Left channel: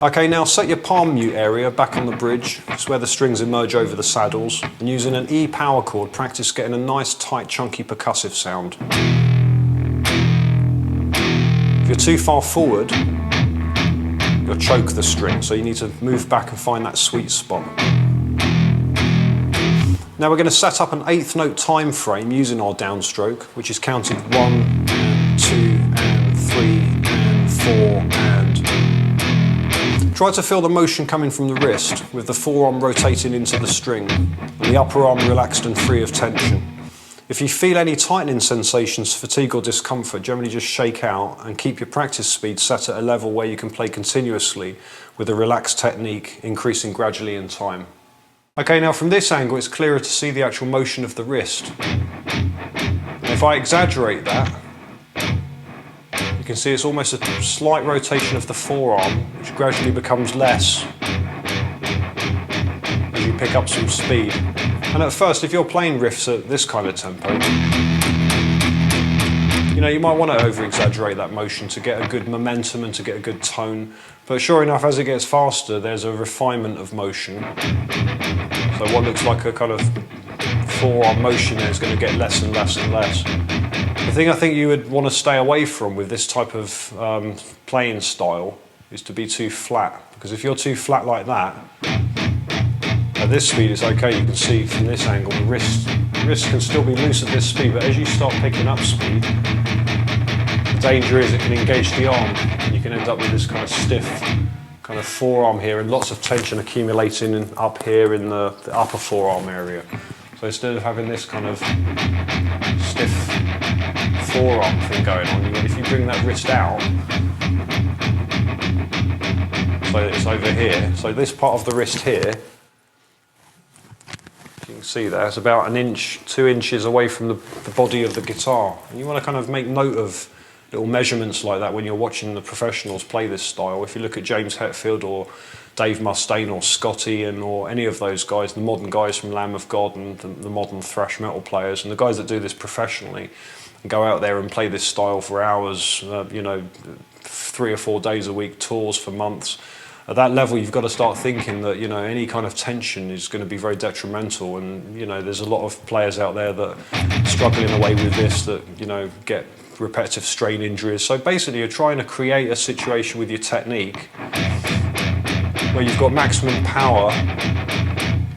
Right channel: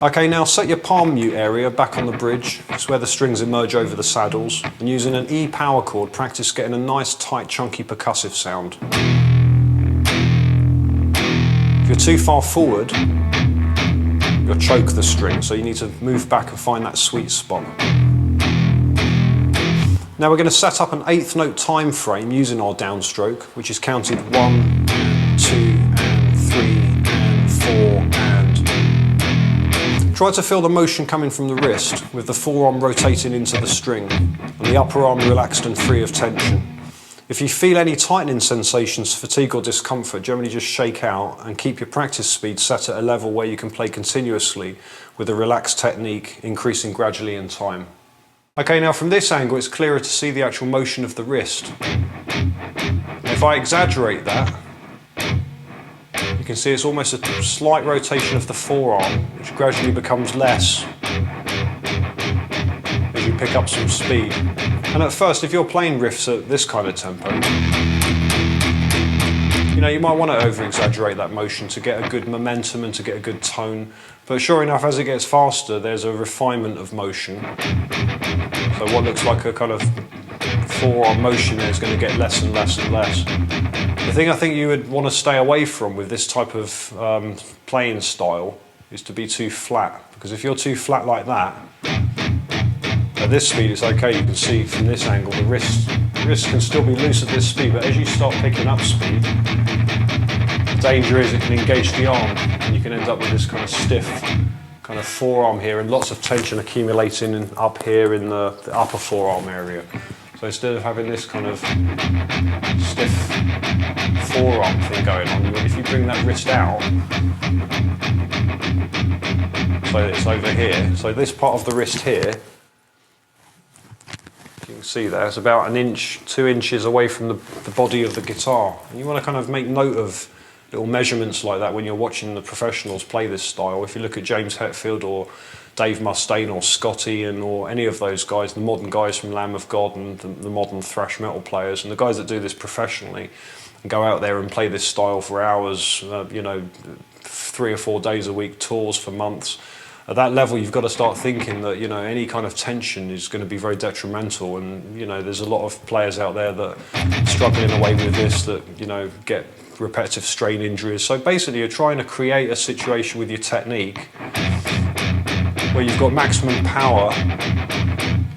Okay, now set your palm mute area back on the bridge. It's where the strings emerge over the saddles. And using an E power chord, practice getting a nice, tight, chunky percussive sound. If you're too far forward, you'll choke the string, so you need to move back and find that sweet spot. Now we're going to set up an 8th note time frame using our downstroke, which is counted 1 and 2 and 3 and 4 and... Try to feel the motion coming from the wrist, with the forearm rotating into the string and the upper arm relaxed and free of tension. If you feel any tightening sensations, fatigue or discomfort, generally just shake out and keep your practice speed set at a level where you can play continuously with a relaxed technique, increasing gradually in time. Okay, now from this angle it's clearer to see the actual motion of the wrist. And if I exaggerate that, you can see it's almost a slight rotation of the forearm, which gradually becomes less as you pick up some speed. And at first, if you're playing riffs at this kind of tempo, you might want to over-exaggerate that motion to get a good momentum and to get a good tone. But sure enough, as it gets faster, there's a refinement of motion. So what looks like a kind of forearm motion there is going to get less and less and less. The thing I think you would want to stay away from with this type of playing style is to be too flat, because if you're too flat like that, at this speed it's okay, you can see from this angle the wrist can still be loose at this speed, but as you start picking up speed, the danger is it can engage the arm and you can end up with this kind of stiff kind of forearm here and lots of tension accumulating up here in the upper forearm area. So instead of having this kind of stiff forearm thing going on, if you bring that wrist out, so it's over here, so this part of the wrist here, you can see there, it's about 1 inch, 2 inches away from the body of the guitar. And you want to kind of make note of little measurements like that when you're watching the professionals play this style. If you look at James Hetfield or Dave Mustaine or Scotty or any of those guys, the modern guys from Lamb of God and the modern thrash metal players, and the guys that do this professionally and go out there and play this style for hours, 3 or 4 days a week, tours for months. At that level, you've got to start thinking that any kind of tension is going to be very detrimental, and there's a lot of players out there that struggle in a way with this that get repetitive strain injuries. So basically, you're trying to create a situation with your technique where you've got maximum power,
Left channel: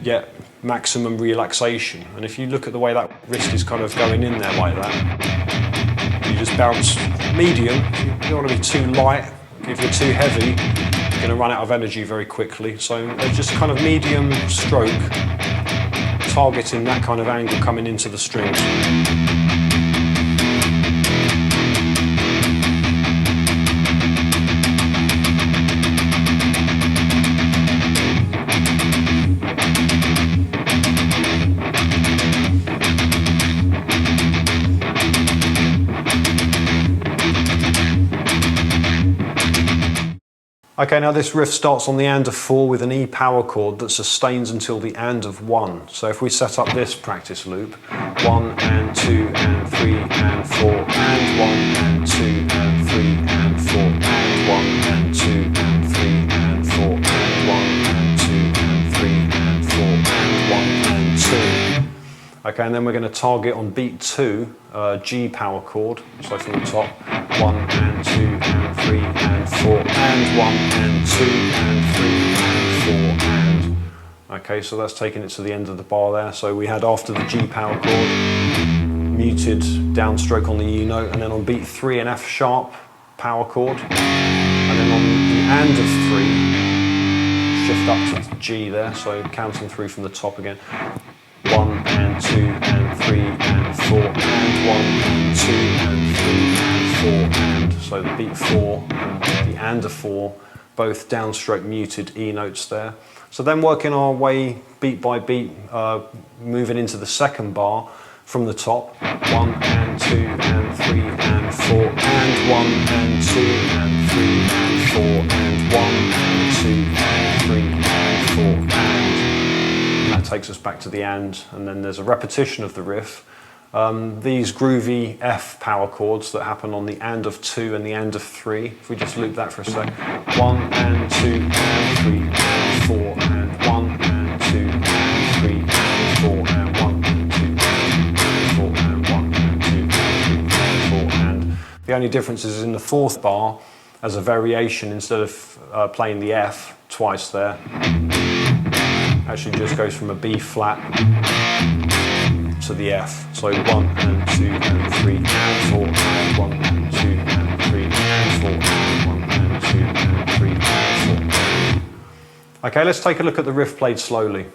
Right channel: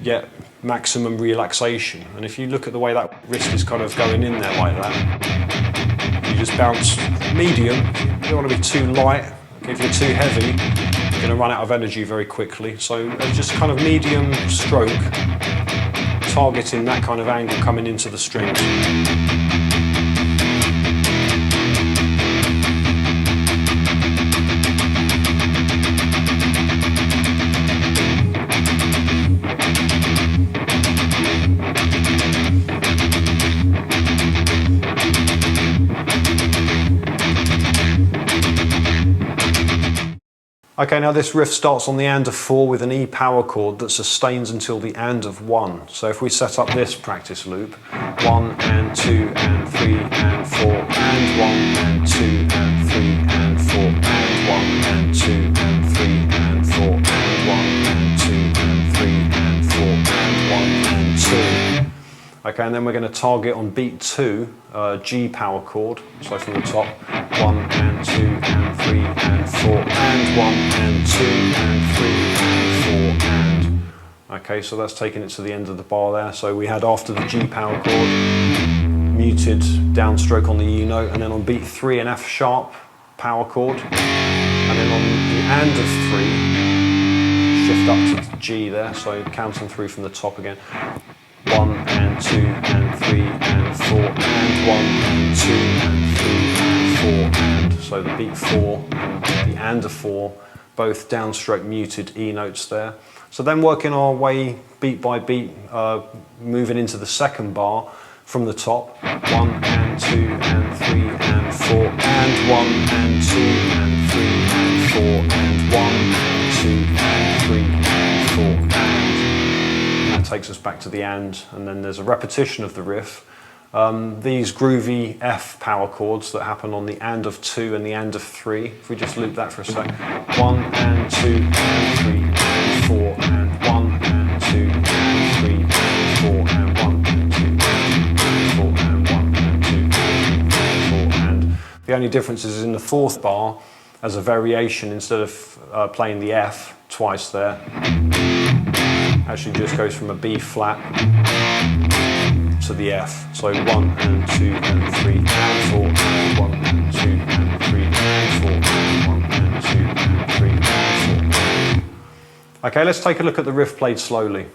yet maximum relaxation. And if you look at the way that wrist is kind of going in there like that, you just bounce medium. You don't want to be too light. Okay, if you're too heavy, you're going to run out of energy very quickly. So just kind of medium stroke, targeting that kind of angle coming into the strings. Okay, now this riff starts on the and of 4 with an E power chord that sustains until the and of 1. So if we set up this practice loop, 1 and 2 and 3 and 4 and 1 and 2 and 3 and 4 and 1 and 2 and 3 and 4 and 1 and 2 and 3 and 4 and 1 and 2. Okay, and then we're going to target on beat 2, G power chord, so from the top, 1 and 2 and 3 and 4 and 1 and 2 and 3 and 4 and... Okay, so that's taking it to the end of the bar there. So we had after the G power chord, muted downstroke on the E note, and then on beat 3 an F sharp power chord, and then on the and of 3, shift up to G there, so counting through from the top again. 1 and 2 and 3 and 4 and 1 and 2 and 3 and 4 and... So the beat 4 and the and of 4, both downstroke muted E notes there. So then working our way beat by beat, moving into the second bar from the top. 1 and 2 and 3 and 4 and 1 and 2 and 3 and 4 and 1 and 2 and 3 and 4 and... That takes us back to the and then there's a repetition of the riff, these groovy F power chords that happen on the and of 2 and the and of 3. If we just loop that for a sec. 1 and 2 and 3 and 4 and 1 and 2 and 3 and 4 and 1 and 2 and 4 and 1 and 2 and 3 and 4 and... The only difference is in the fourth bar, as a variation, instead of playing the F twice there, actually just goes from a B flat to the F. So 1 and 2 and 3 and 4 and 1 and 2 and 3 and 4 and 1 and 2 and 3 and 4. Okay, let's take a look at the riff played slowly.